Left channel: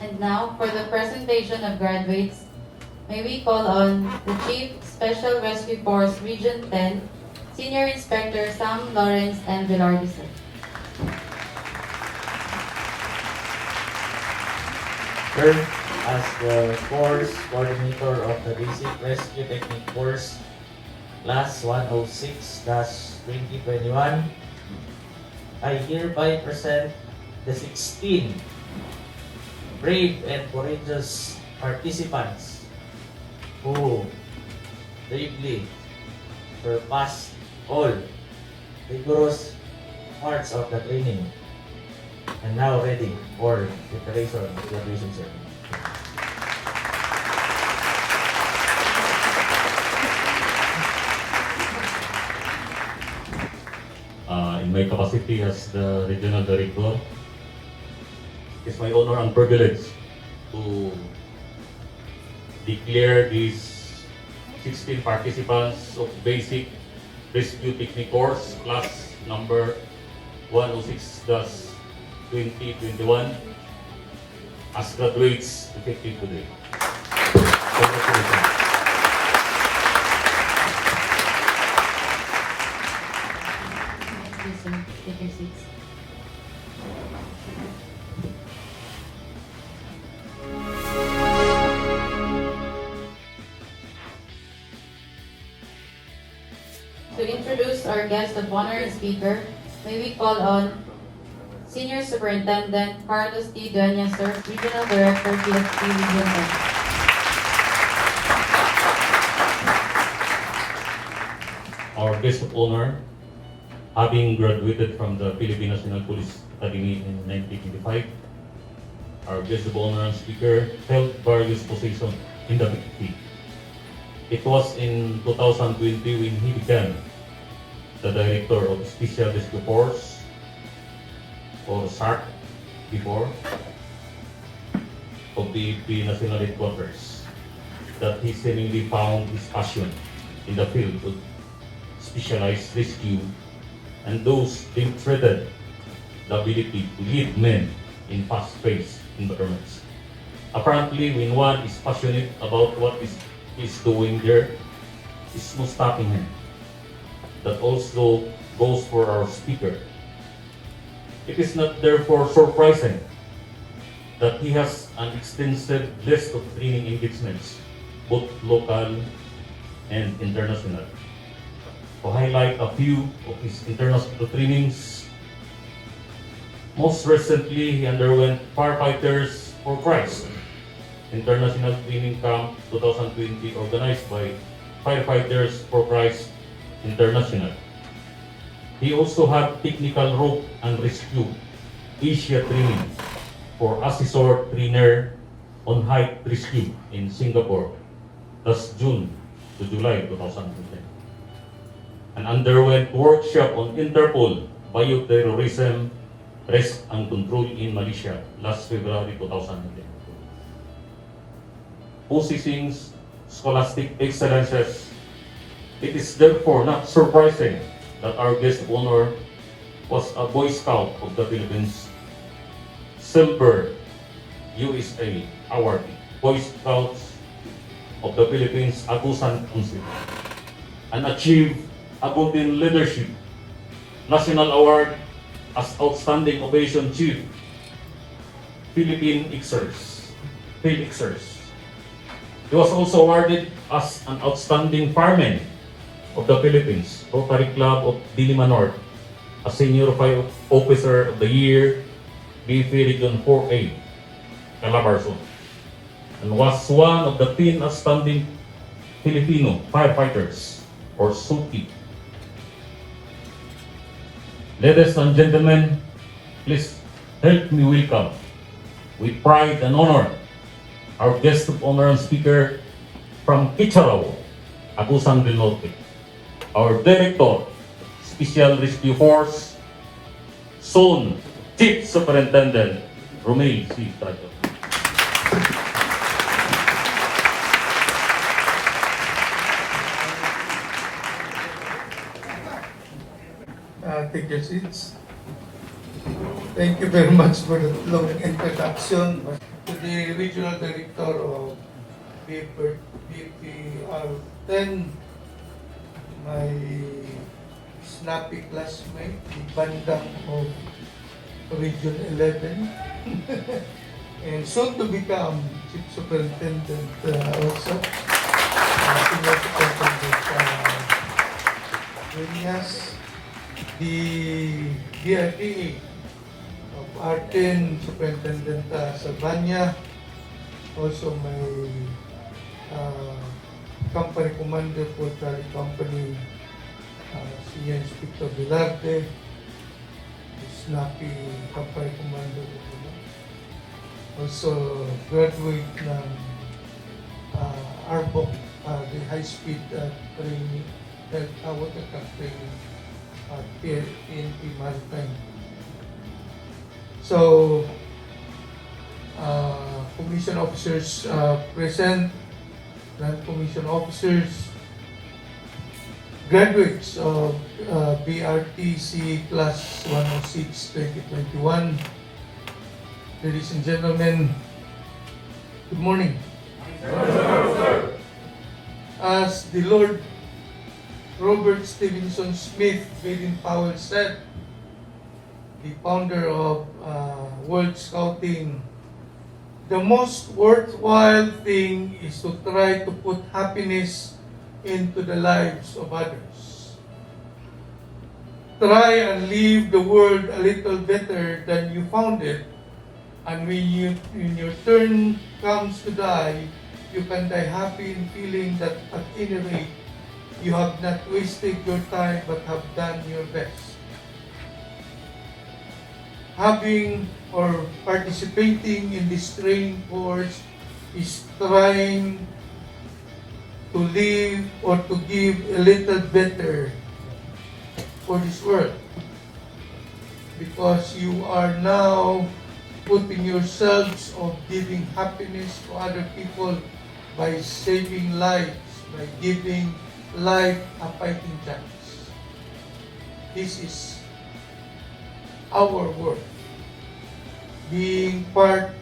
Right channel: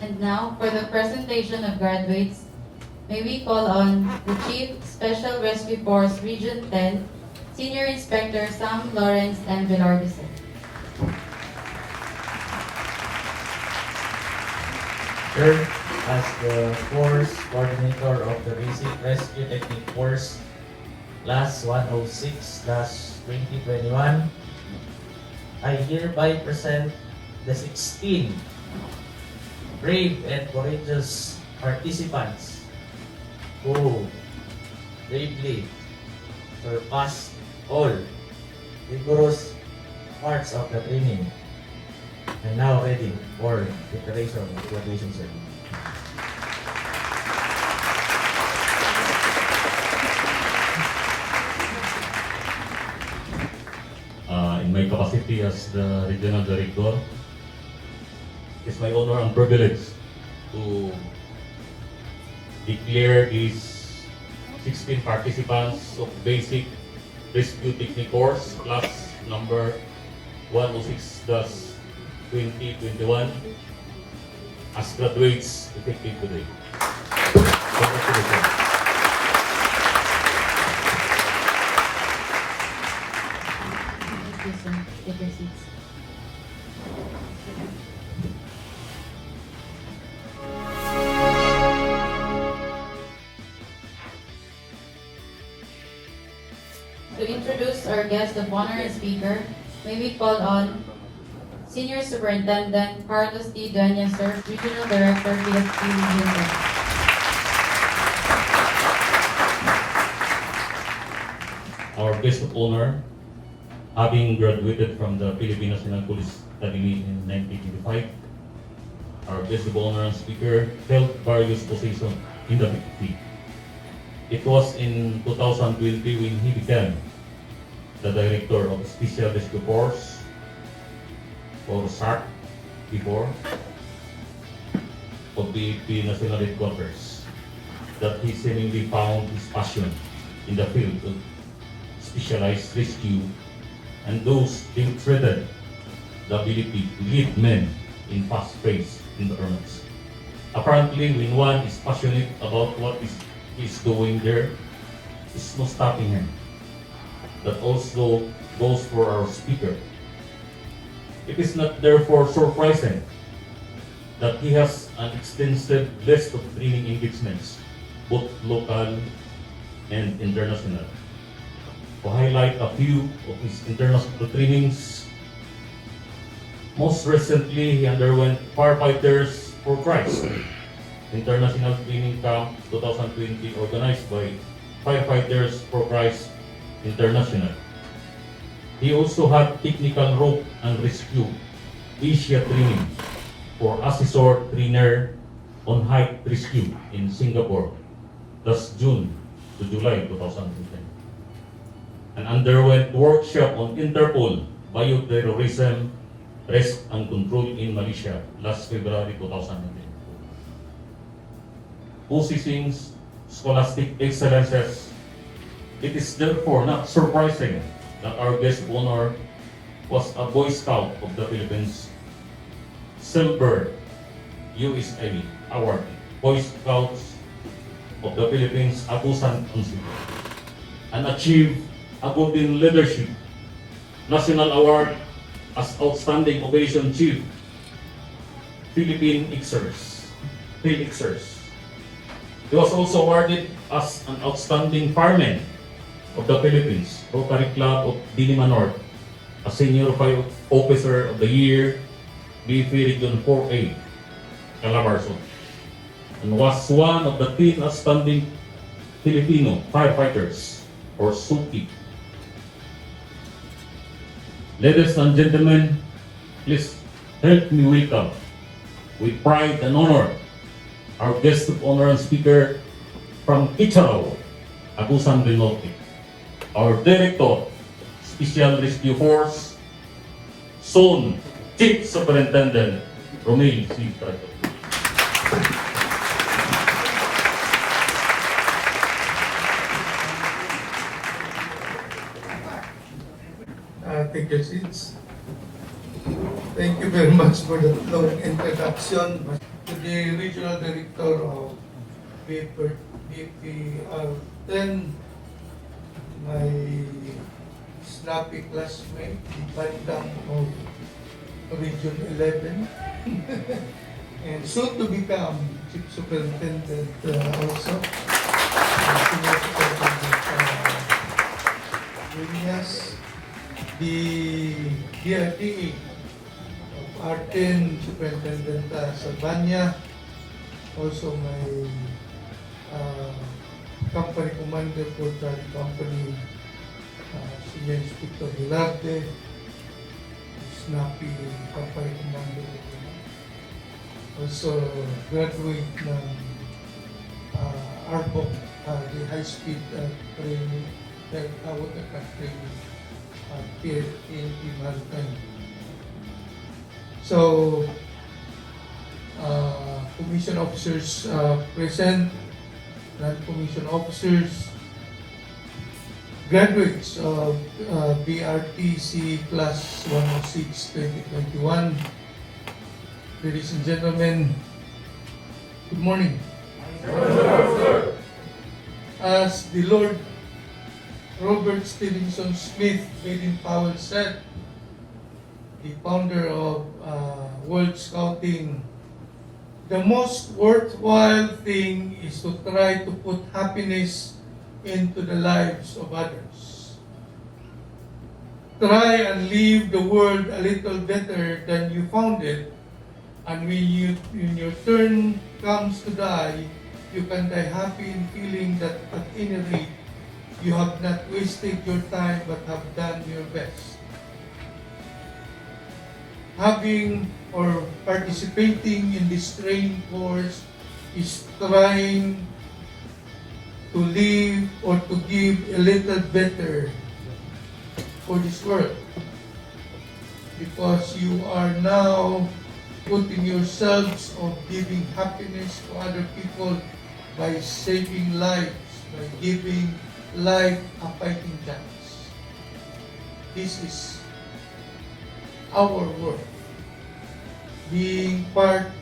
And now, for the presentation of graduates, may we call on the Chief Special Rescue Force Region 10, Senior Inspector Sam Lawrence and Velarde. Sir, as the course coordinator of the Basic Rescue Technique course, class 106-2021, I hereby present the 16 brave and courageous participants who bravely surpassed all rigorous parts of the training and now ready for preparation of graduation ceremony. In my capacity as the Regional Director, it's my honor and privilege to declare these 16 participants of Basic Rescue Technique course, class number 106-2021 as graduates effective today. Congratulations. Take your seats. To introduce our guest of honor and speaker, may we call on Senior Superintendent Carlos D. DUEñAS, Regional Director, PSP Region 10. Our guest of honor, having graduated from the Philippine National Police Academy in 1985, our guest of honor and speaker held various positions in the PPP. It was in 2020 when he became the Director of Special Rescue Force, or SSUP before, of the National Headquarters, that he seemingly found his passion in the field of specialized rescue and those demonstrated the ability to lead men in fast-paced environments. Apparently, when one is passionate about what is doing there, is no stopping him. That also goes for our speaker. It is not therefore surprising that he has an extensive list of training engagements, both local and international. To highlight a few of his international trainings, most recently he underwent Firefighters for Christ International Training Camp 2020 organized by Firefighters for Christ International. He also had Technical Rope and Rescue Asia training for Assessor Trainer on Height Rescue in Singapore, that's June to July 2010. And underwent workshop on Interpol Bioterrorism Risk and Control in Malaysia last February 2010. Possessing scholastic excellences, it is therefore not surprising that our guest of honor was a Boy Scout of the Philippines, Silver USA Award, Boy Scouts of the Philippines Agusan Council, and achieved Abutin Leadership National Award as Outstanding Operation Chief, Philippine Xers. He was also awarded as an Outstanding Fireman of the Philippines, Rotary Club of Diliman North, a Senior Fire Officer of the Year, BF Region 4A, Calabarzon, and was one of the 10 outstanding Filipino firefighters, or SSUP. Ladies and gentlemen, please help me welcome with pride and honor our guest of honor and speaker from Kicharaw, Agusan del Norte, our Director, Special Rescue Force, soon Chief Superintendent, ROMEL C. TRADIO. Take your seats. Thank you very much for the long introduction. Today the Regional Director of BRTC, my snappy classmate, Bandang of Region 11, and soon to become Chief Superintendent also, Senior Superintendent DUEñas, the BRTC of R10, Superintendent Salvania, also my company commander for the company, Senior Inspector Velarde, snappy company commander, also graduate ng ARBO, the high-speed training, watercraft training here in Maritime. So, commission officers present, non-commission officers, graduates of BRTC Class 106-2021, ladies and gentlemen, good morning. As the Lord Robert Stevenson Smith Baden-Powell said, the founder of World Scouting, the most worthwhile thing is to try to put happiness into the lives of others. Try and leave the world a little better than you found it, and when your turn comes to die, you can die happy in feeling that at any rate, you have not wasted your time but have done your best. Having or participating in this training course is trying to live or to give a little better for this world, because you are now putting yourselves of giving happiness to other people by saving lives, by giving life a fighting chance. This is our work. Being part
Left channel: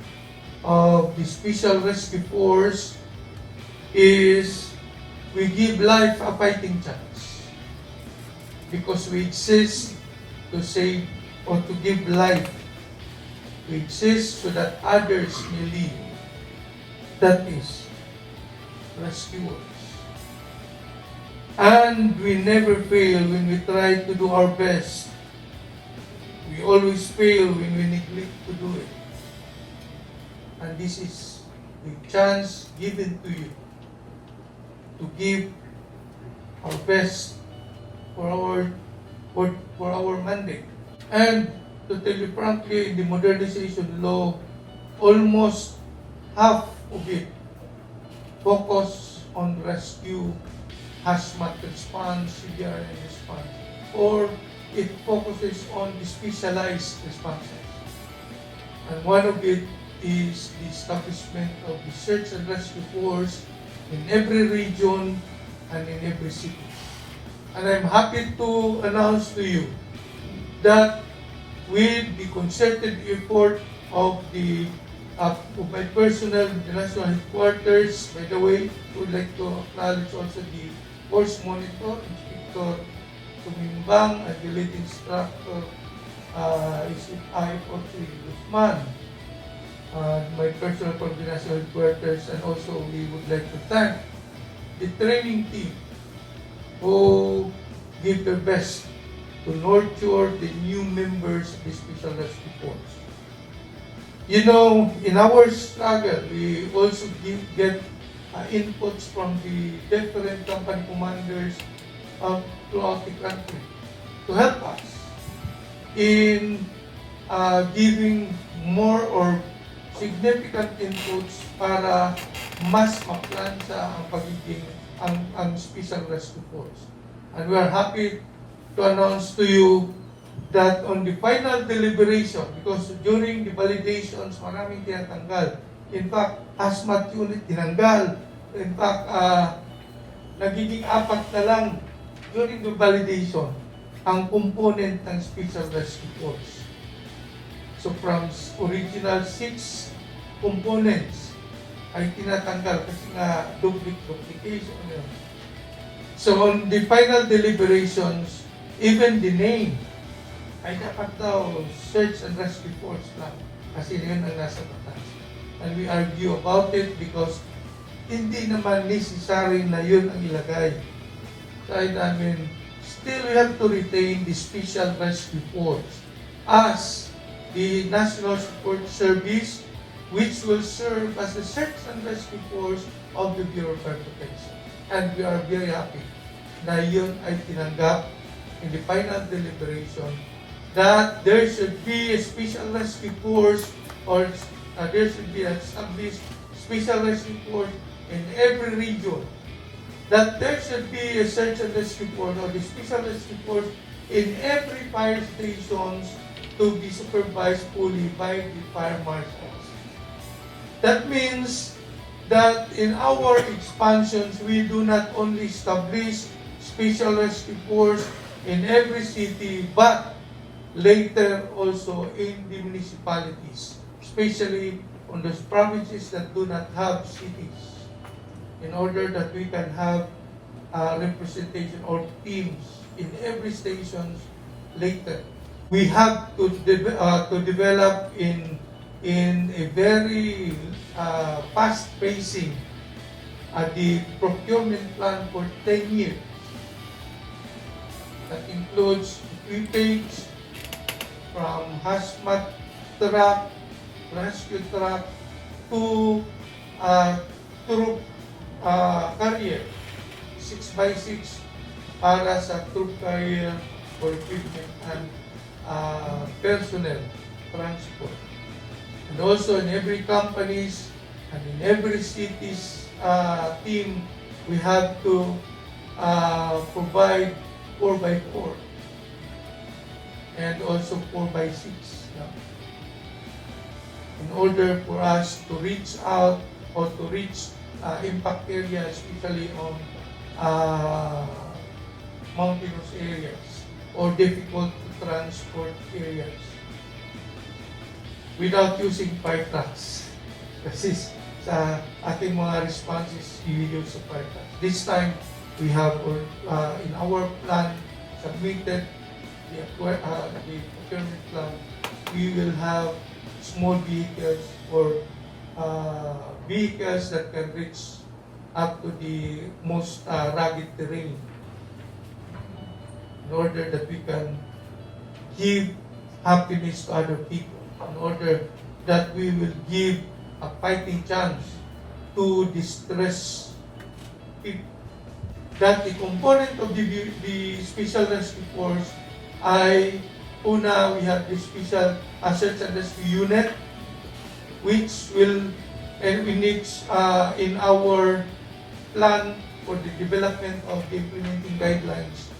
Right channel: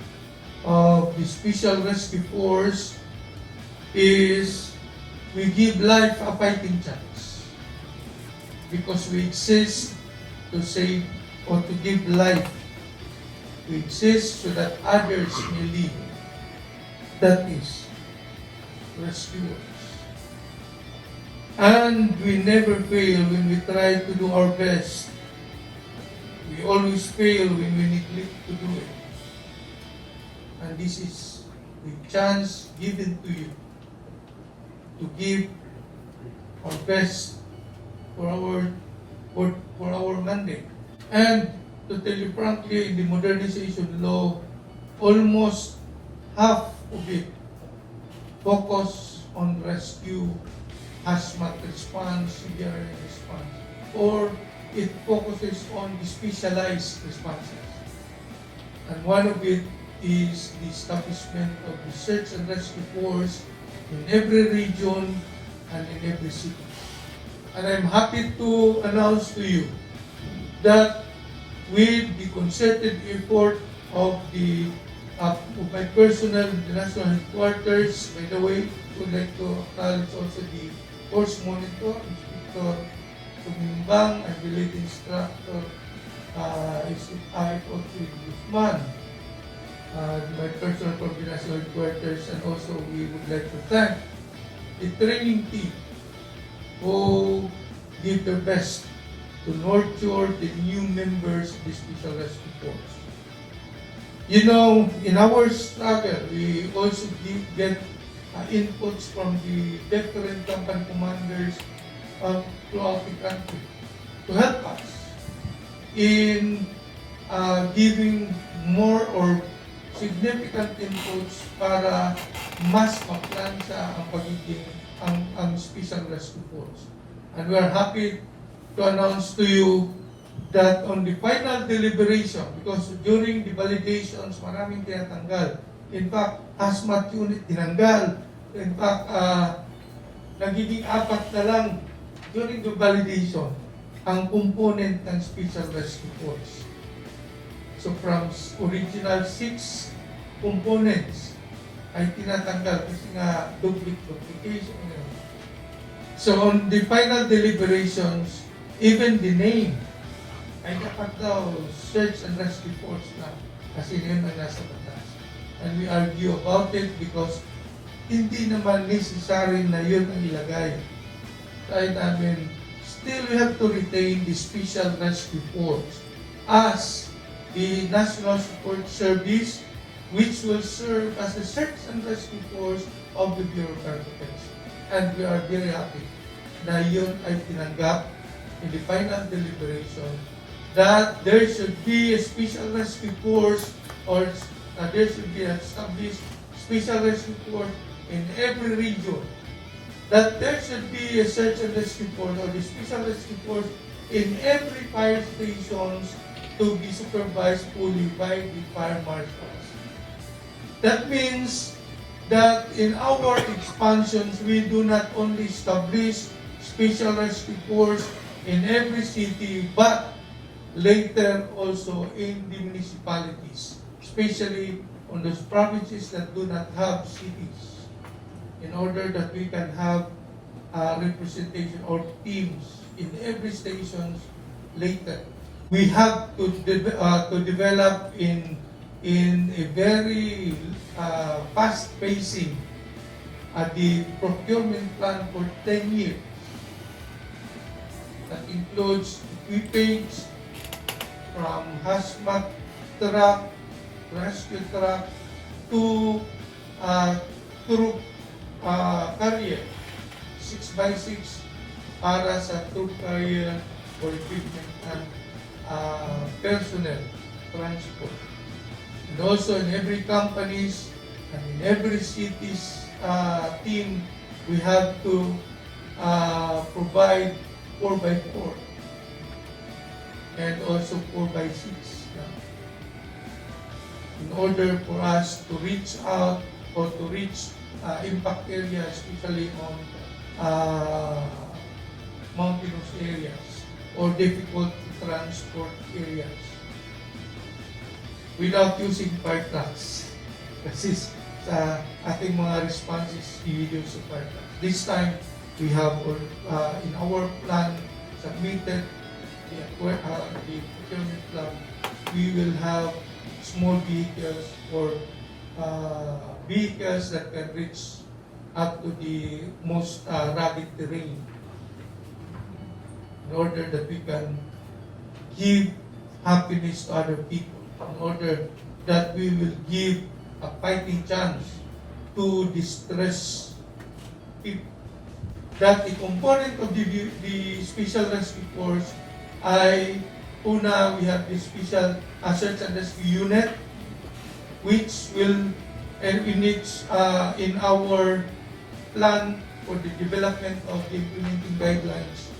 of the Special Rescue Force is we give life a fighting chance, because we exist to save or to give life. We exist so that others may live. That is rescuers. And we never fail when we try to do our best. We always fail when we neglect to do it. And this is the chance given to you to give our best for our mandate. And to tell you frankly, in the modernization law, almost half of it focus on rescue, hazmat response, CBRN response, or it focuses on the specialized responses. And one of it is the establishment of the search and rescue force in every region and in every city. And I'm happy to announce to you that with the concerted effort of my personnel in the national headquarters, by the way, I would like to acknowledge also the force monitor, Inspector Tumimbang, and the lead instructor, I40 Guzman, my personal coordination headquarters, and also we would like to thank the training team who did their best to nurture the new members of the Special Rescue Force. You know, in our struggle, we also get inputs from the different company commanders throughout the country to help us in giving more or significant inputs para mas maplansya ang pagiging ang Special Rescue Force. And we are happy to announce to you that on the final deliberation, because during the validations, maraming tinatanggal. In fact, hazmat unit tinanggal. In fact, nagiging 4 na lang during the validation ang component ng Special Rescue Force. So from original 6 components ay tinatanggal kasi nga duplication. So on the final deliberations, even the name ay dapat daw search and rescue force na kasi yun ang nasa batas. And we argue about it because hindi naman necessary na yun ang ilagay. Kaya namin, still we have to retain the Special Rescue Force as the National Support Service, which will serve as the search and rescue force of the Bureau of Fire Protection. And we are very happy na yun ay tinanggap in the final deliberation that there should be a special rescue force or there should be a special rescue force in every region, that there should be a search and rescue force or the special rescue force in every fire stations to be supervised fully by the fire marshals. That means that in our expansions, we do not only establish special rescue force in every city, but later also in the municipalities, especially on those provinces that do not have cities, in order that we can have representation or teams in every stations later. We have to develop in a very fast pacing the procurement plan for 10 years. That includes equipage from hazmat truck, rescue truck to troop carrier 6x6 para sa troop carrier for equipment and personnel transport. And also in every companies and in every city's team, we have to provide 4x4 and also 4x6 in order for us to reach out or to reach impact areas, especially on mountainous areas or difficult to transport areas without using fire trucks. Kasi sa ating mga responses, we use sa fire trucks. This time, we have in our plan submitted the procurement plan. We will have small vehicles or vehicles that can reach up to the most rugged terrain in order that we can give happiness to other people, in order that we will give a fighting chance to distressed people. That the component of the Special Rescue Force ay una, we have the Special Search and Rescue Unit, which will, and we need in our plan for the development of the implementing guidelines,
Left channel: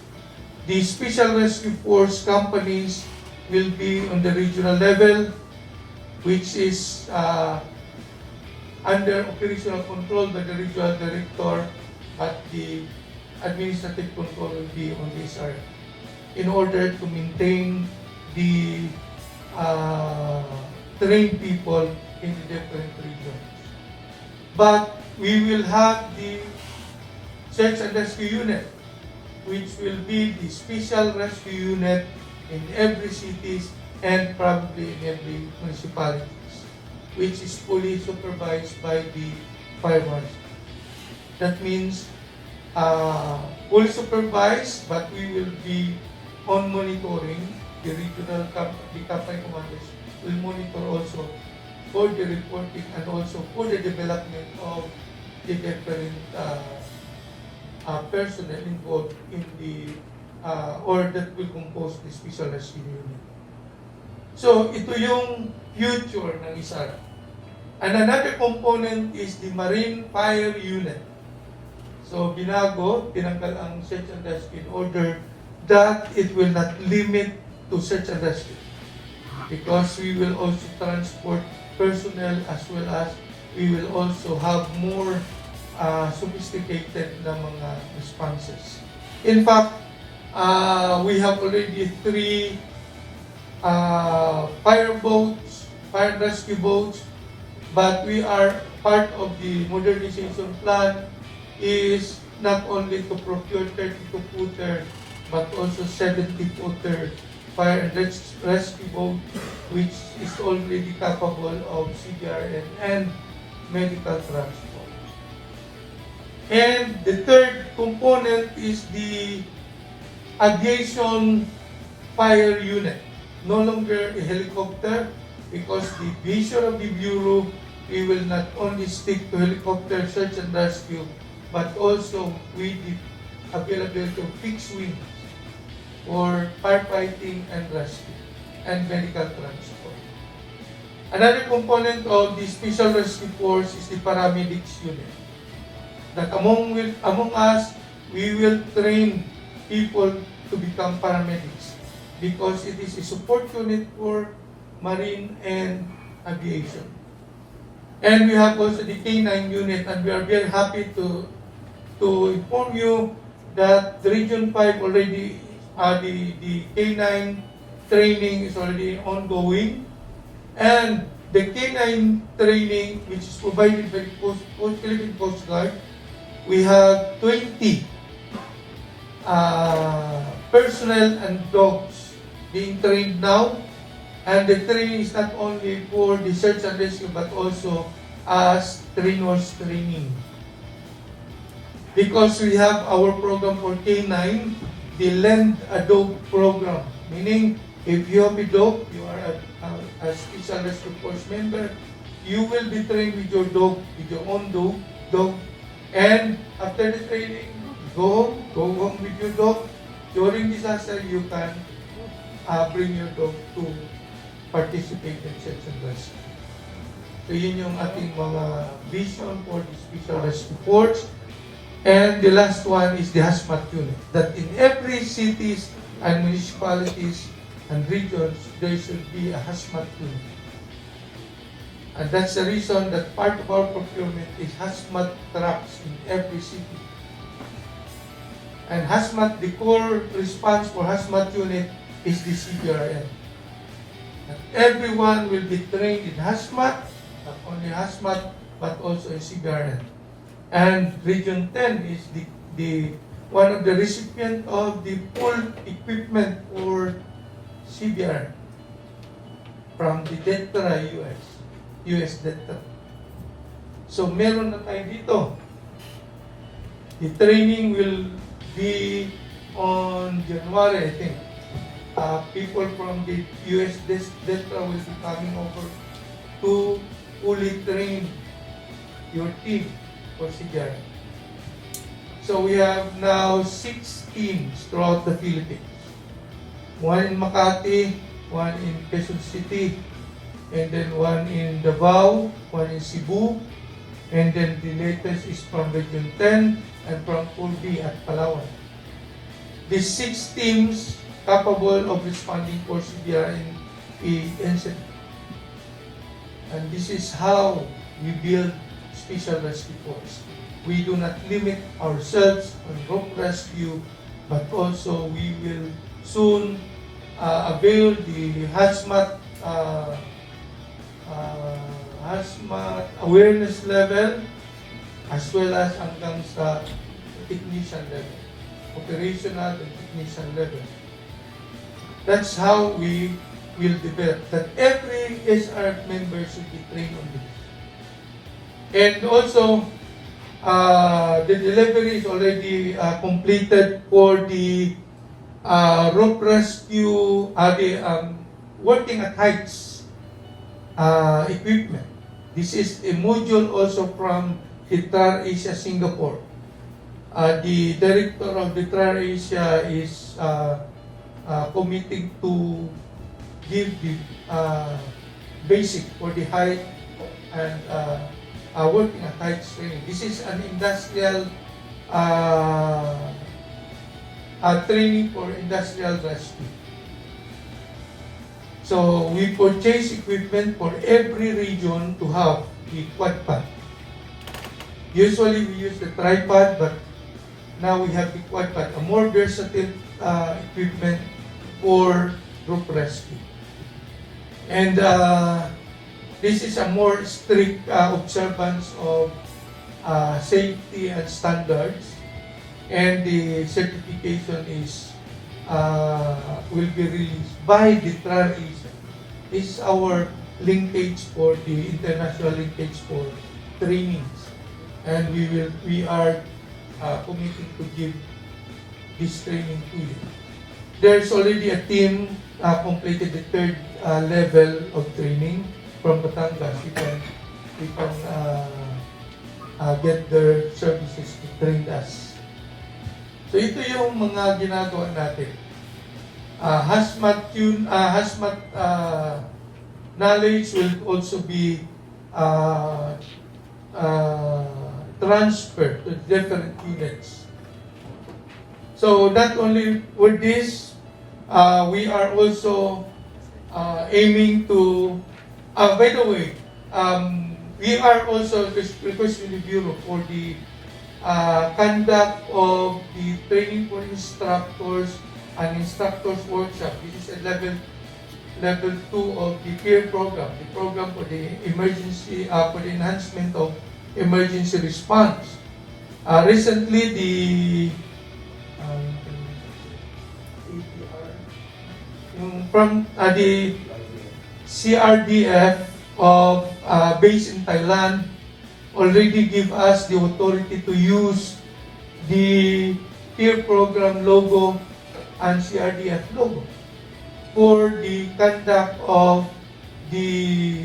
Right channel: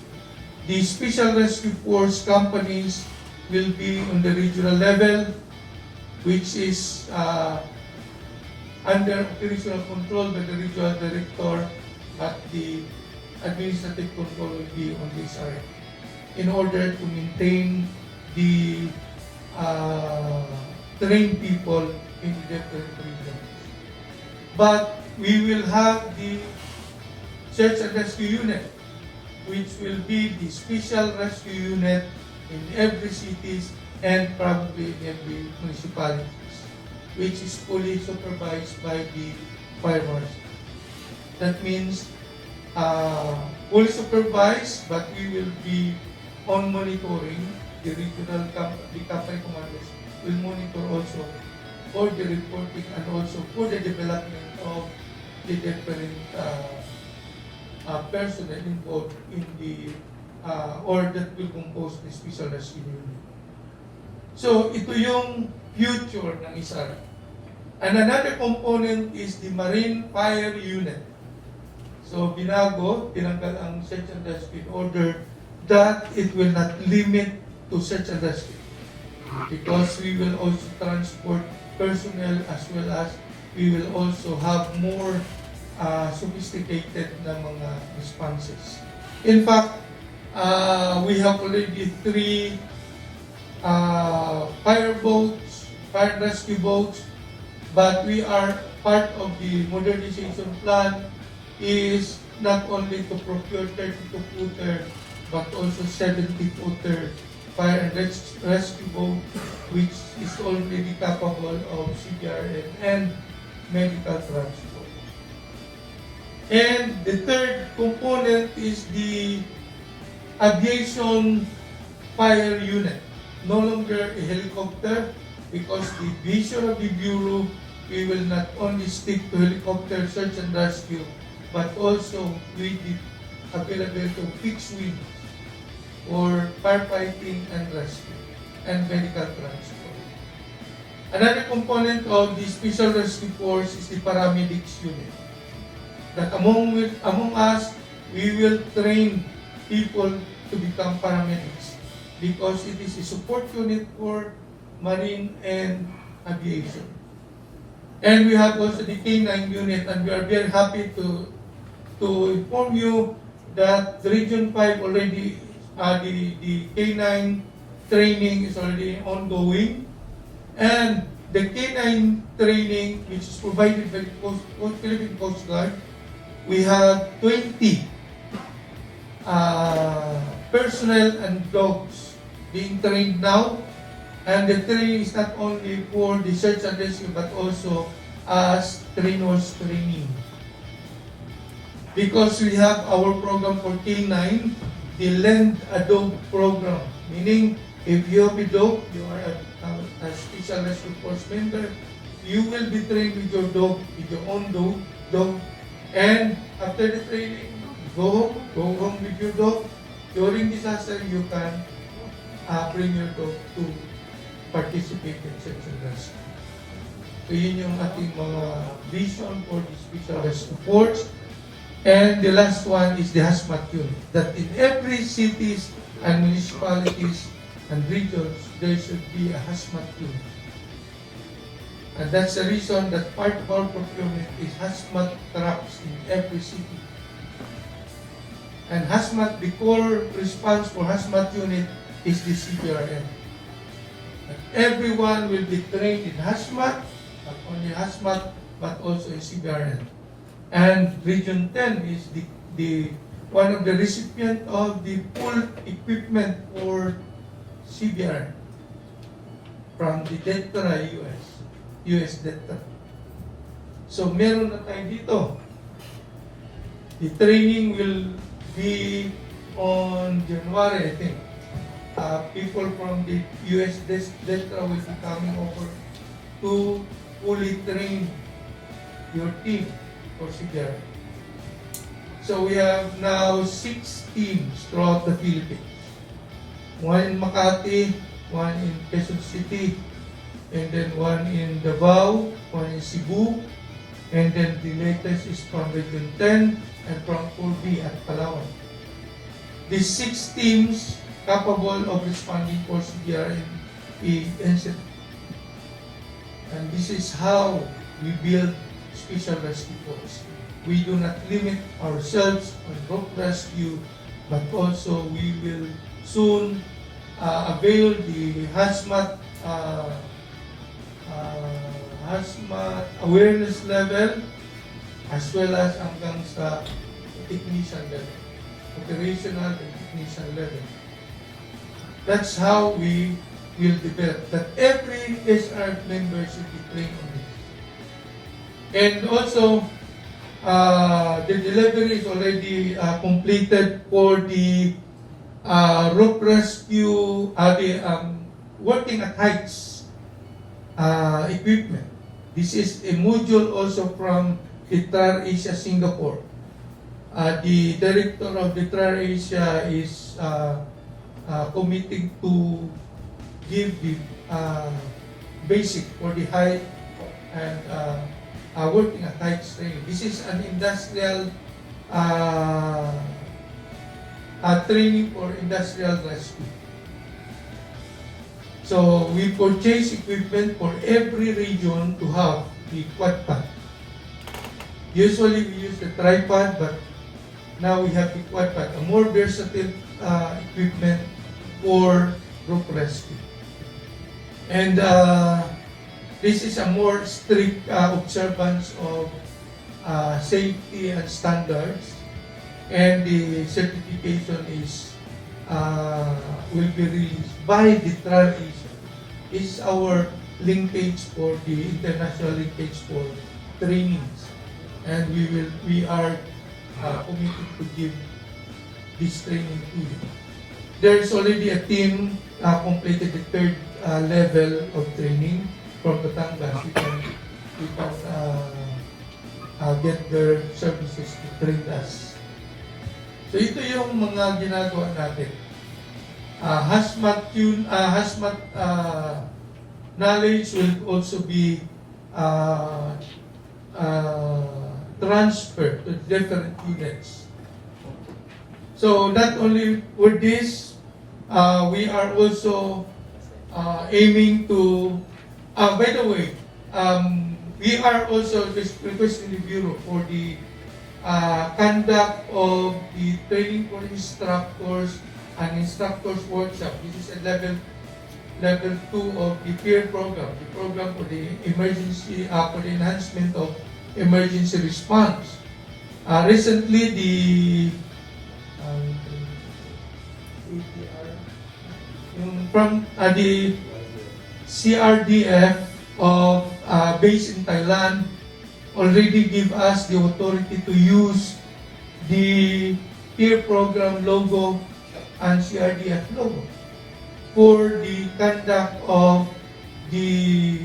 the Special Rescue Force companies will be on the regional level, which is under operational control by the regional director, but the administrative control will be on this area in order to maintain the trained people in the different regions. But we will have the search and rescue unit, which will be the special rescue unit in every cities and probably in every municipalities, which is fully supervised by the fire marshal. That means fully supervised, but we will be on monitoring. The regional company commandos will monitor also for the reporting and also for the development of the different personnel involved in the or that will compose the special rescue unit. So ito yung future ng ISAR. And another component is the Marine Fire Unit. So binago, tinanggal ang search and rescue in order that it will not limit to search and rescue, because we will also transport personnel as well as we will also have more sophisticated na mga responses. In fact, we have already 3 fire boats, fire rescue boats, but we are part of the modernization plan is not only to procure 32-footer, but also 70-footer fire and rescue boat, which is already capable of CBRN and medical transport. And the third component is the aviation fire unit. No longer a helicopter, because the vision of the Bureau, we will not only stick to helicopter search and rescue, but also with the availability of fixed wings for firefighting and rescue and medical transport. Another component of the Special Rescue Force is the paramedics unit. That among us, we will train people to become paramedics because it is a support unit for marine and aviation. And we have also the K9 unit, and we are very happy to inform you that the Region 5 already, the K9 training is already ongoing. And the K9 training, which is provided by the Philippine Coast Guard, we have 20 personnel and dogs being trained now. And the training is not only for the search and rescue, but also as trainers training. Because we have our program for K9, the Lend a Dog program. Meaning, if you have a dog, you are a Special Rescue Force member, you will be trained with your dog, with your own dog. And after the training, go home with your dog. During disaster, you can bring your dog to participate in search and rescue. So yun yung ating mga vision for the Special Rescue Force. And the last one is the hazmat unit. That in every cities and municipalities and regions, there should be a hazmat unit. And that's the reason that part of our procurement is hazmat trucks in every city. And hazmat, the core response for hazmat unit is the CBRN. And everyone will be trained in hazmat, not only hazmat, but also in CBRN. And Region 10 is the one of the recipient of the full equipment for CBRN from the DETRA US DETRA. So meron na tayo dito. The training will be on January, I think. People from the US DETRA will be coming over to fully train your team for CBRN. So we have now 6 teams throughout the Philippines. One in Makati, one in Quezon City, and then one in Davao, one in Cebu, and then the latest is from Region 10 and from Pulbi at Palawan. These 6 teams capable of responding for CBRN incident. And this is how we build Special Rescue Force. We do not limit ourselves on rope rescue, but also we will soon avail the hazmat awareness level as well as hanggang sa technician level, operational and technician level. That's how we will develop that every SR member should be trained on this. And also, the delivery is already completed for the rope rescue, working at heights equipment. This is a module also from the TRADIO Singapore. The director of the TRADIO is committing to give the basic for the height and working at height training. This is an industrial training for industrial rescue. So we purchase equipment for every region to have the quad pad. Usually we use the tripod, but now we have the quad pad, a more versatile equipment for rope rescue. And this is a more strict observance of safety and standards, and the certification is will be released by the TRADIO. This is our linkage for the international linkage for trainings, and we are committed to give this training to you. There's already a team completed the third level of training from Batangas. We can get their services to train us. So ito yung mga ginagawa natin. Hazmat knowledge will also be transferred to different units. So not only with this, we are also aiming to, by the way, we are also requesting the Bureau for the conduct of the training for instructors and instructors workshop. This is a level 2 of the peer program, the program for the emergency, for the enhancement of emergency response. Recently, the from the CRDF of based in Thailand already give us the authority to use the peer program logo and CRDF logo for the conduct of the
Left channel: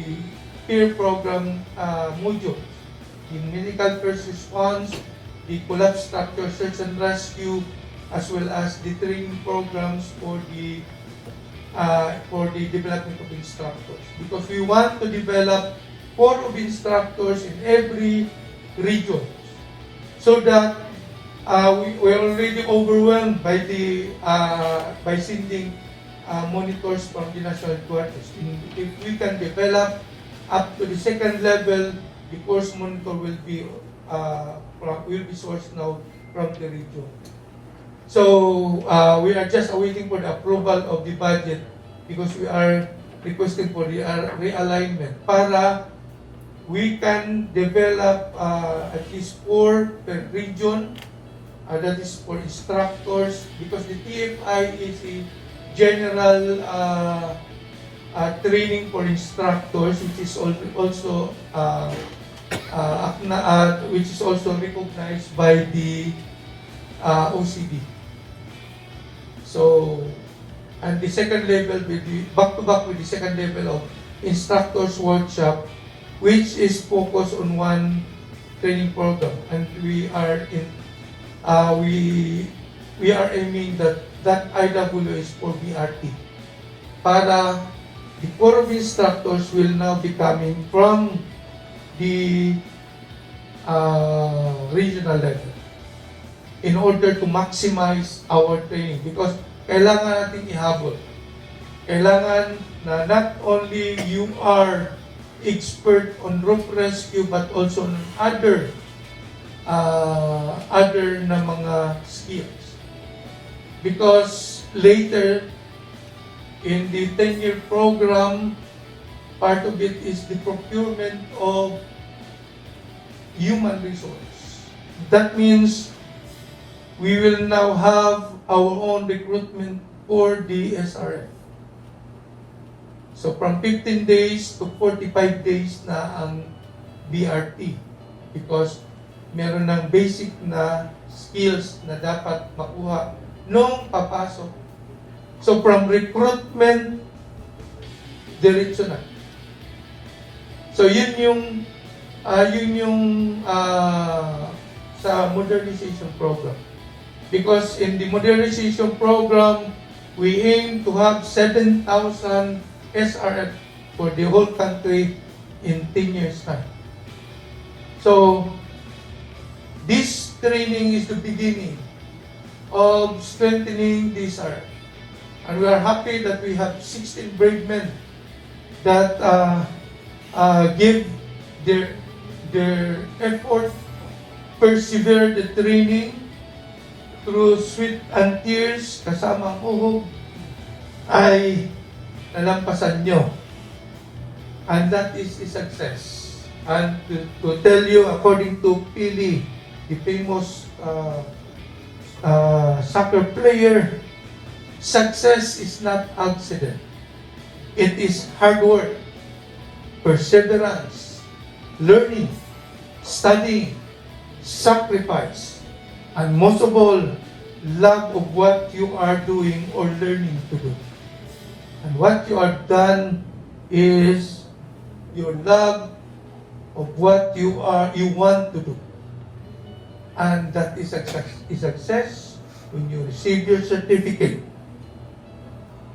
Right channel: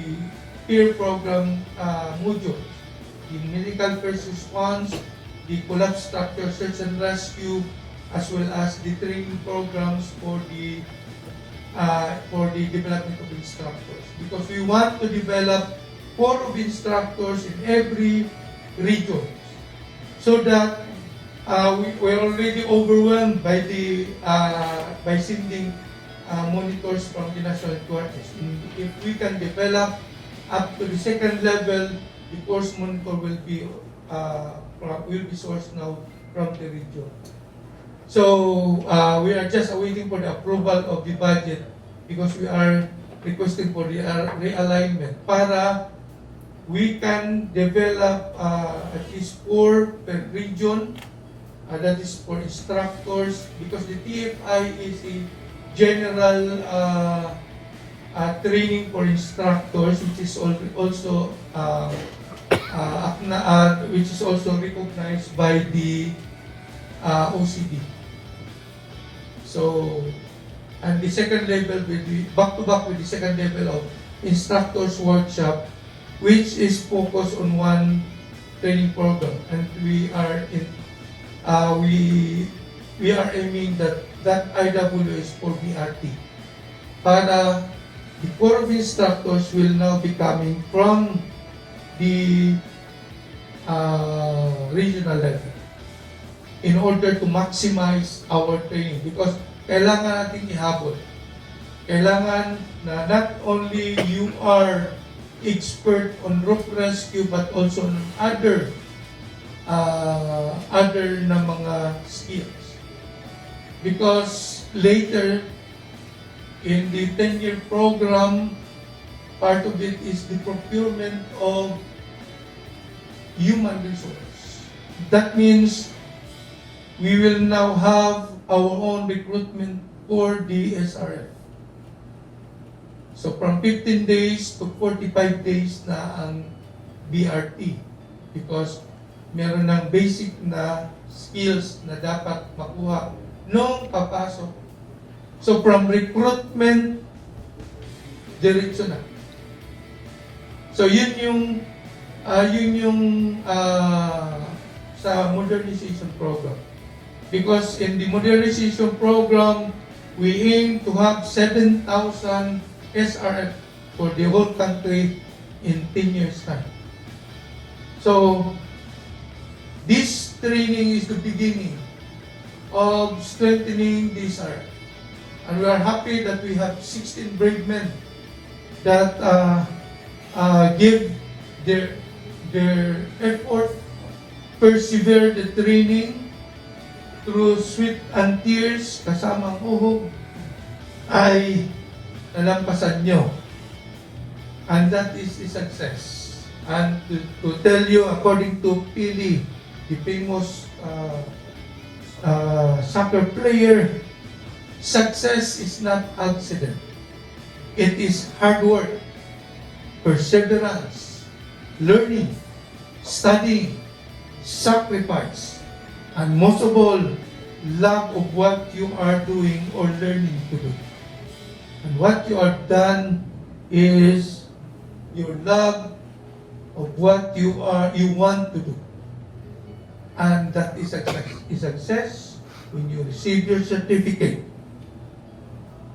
peer program modules, the medical first response, the collapse structure search and rescue, as well as the training programs for the development of instructors. Because we want to develop 4 of instructors in every region, so that we're already overwhelmed by the by sending monitors from the national headquarters. If we can develop up to the second level, the course monitor will be sourced now from the region. So we are just awaiting for the approval of the budget, because we are requesting for the realignment para we can develop at least 4 per region. That is for instructors, because the TFI is a general training for instructors, which is also recognized by the OCD. So, and the second level will be back-to-back with the second level of instructors workshop, which is focused on one training program, and we are aiming that IW is for BRT. Para the core of instructors will now be coming from the regional level in order to maximize our training, because kailangan natin ihabol. Kailangan na not only you are expert on roof rescue, but also on other na mga skills. Because later in the 10-year program, part of it is the procurement of human resource. That means we will now have our own recruitment for the SRF. So from 15 days to 45 days na ang BRT, because meron ng basic na skills na dapat makuha nung papasok. So from recruitment, diretso na. So yun yung sa modernization program. Because in the modernization program, we aim to have 7,000 SRF for the whole country in 10 years' time. So, this training is the beginning of strengthening this SRF. And we are happy that we have 16 brave men that give their effort, persevere the training, through sweat and tears, kasamang uhog, ay nalampasan nyo. And that is a success. And to tell you, according to Pili, the famous soccer player, success is not accident. It is hard work, perseverance, learning, studying, sacrifice, and most of all, love of what you are doing or learning to do. And what you are done is your love of what you want to do. And that is a success when you receive your certificate.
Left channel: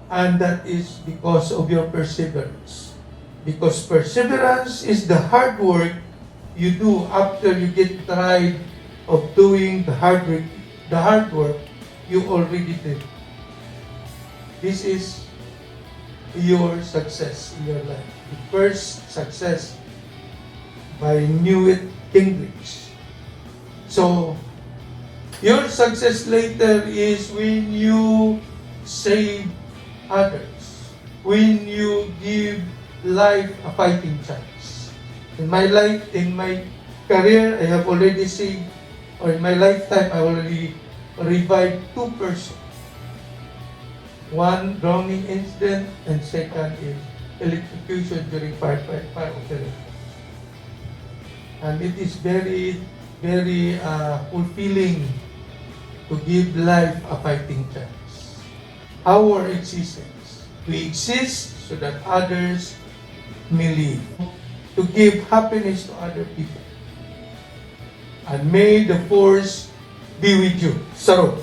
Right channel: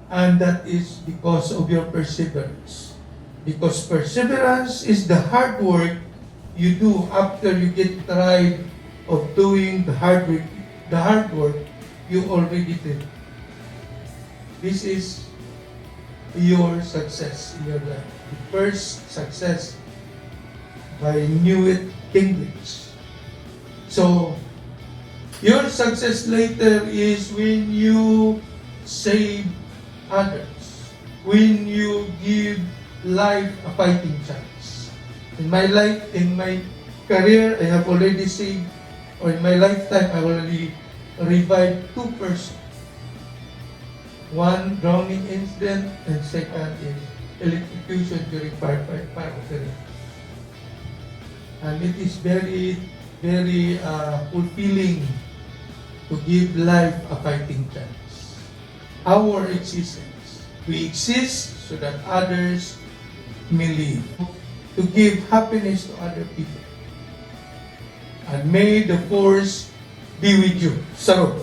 And that is because of your perseverance. Because perseverance is the hard work you do after you get tired of doing the hard work you already did. This is your success in your life. The first success by Newitt Gingrich. So, your success later is when you save others, when you give life a fighting chance. In my life, in my career, I have already saved, or in my lifetime, I already revived 2 persons. One drowning incident, and second is electrocution during fire operation. And it is very, very fulfilling to give life a fighting chance. Our existence, we exist so that others may live, to give happiness to other people. And may the force be with you. Sarot.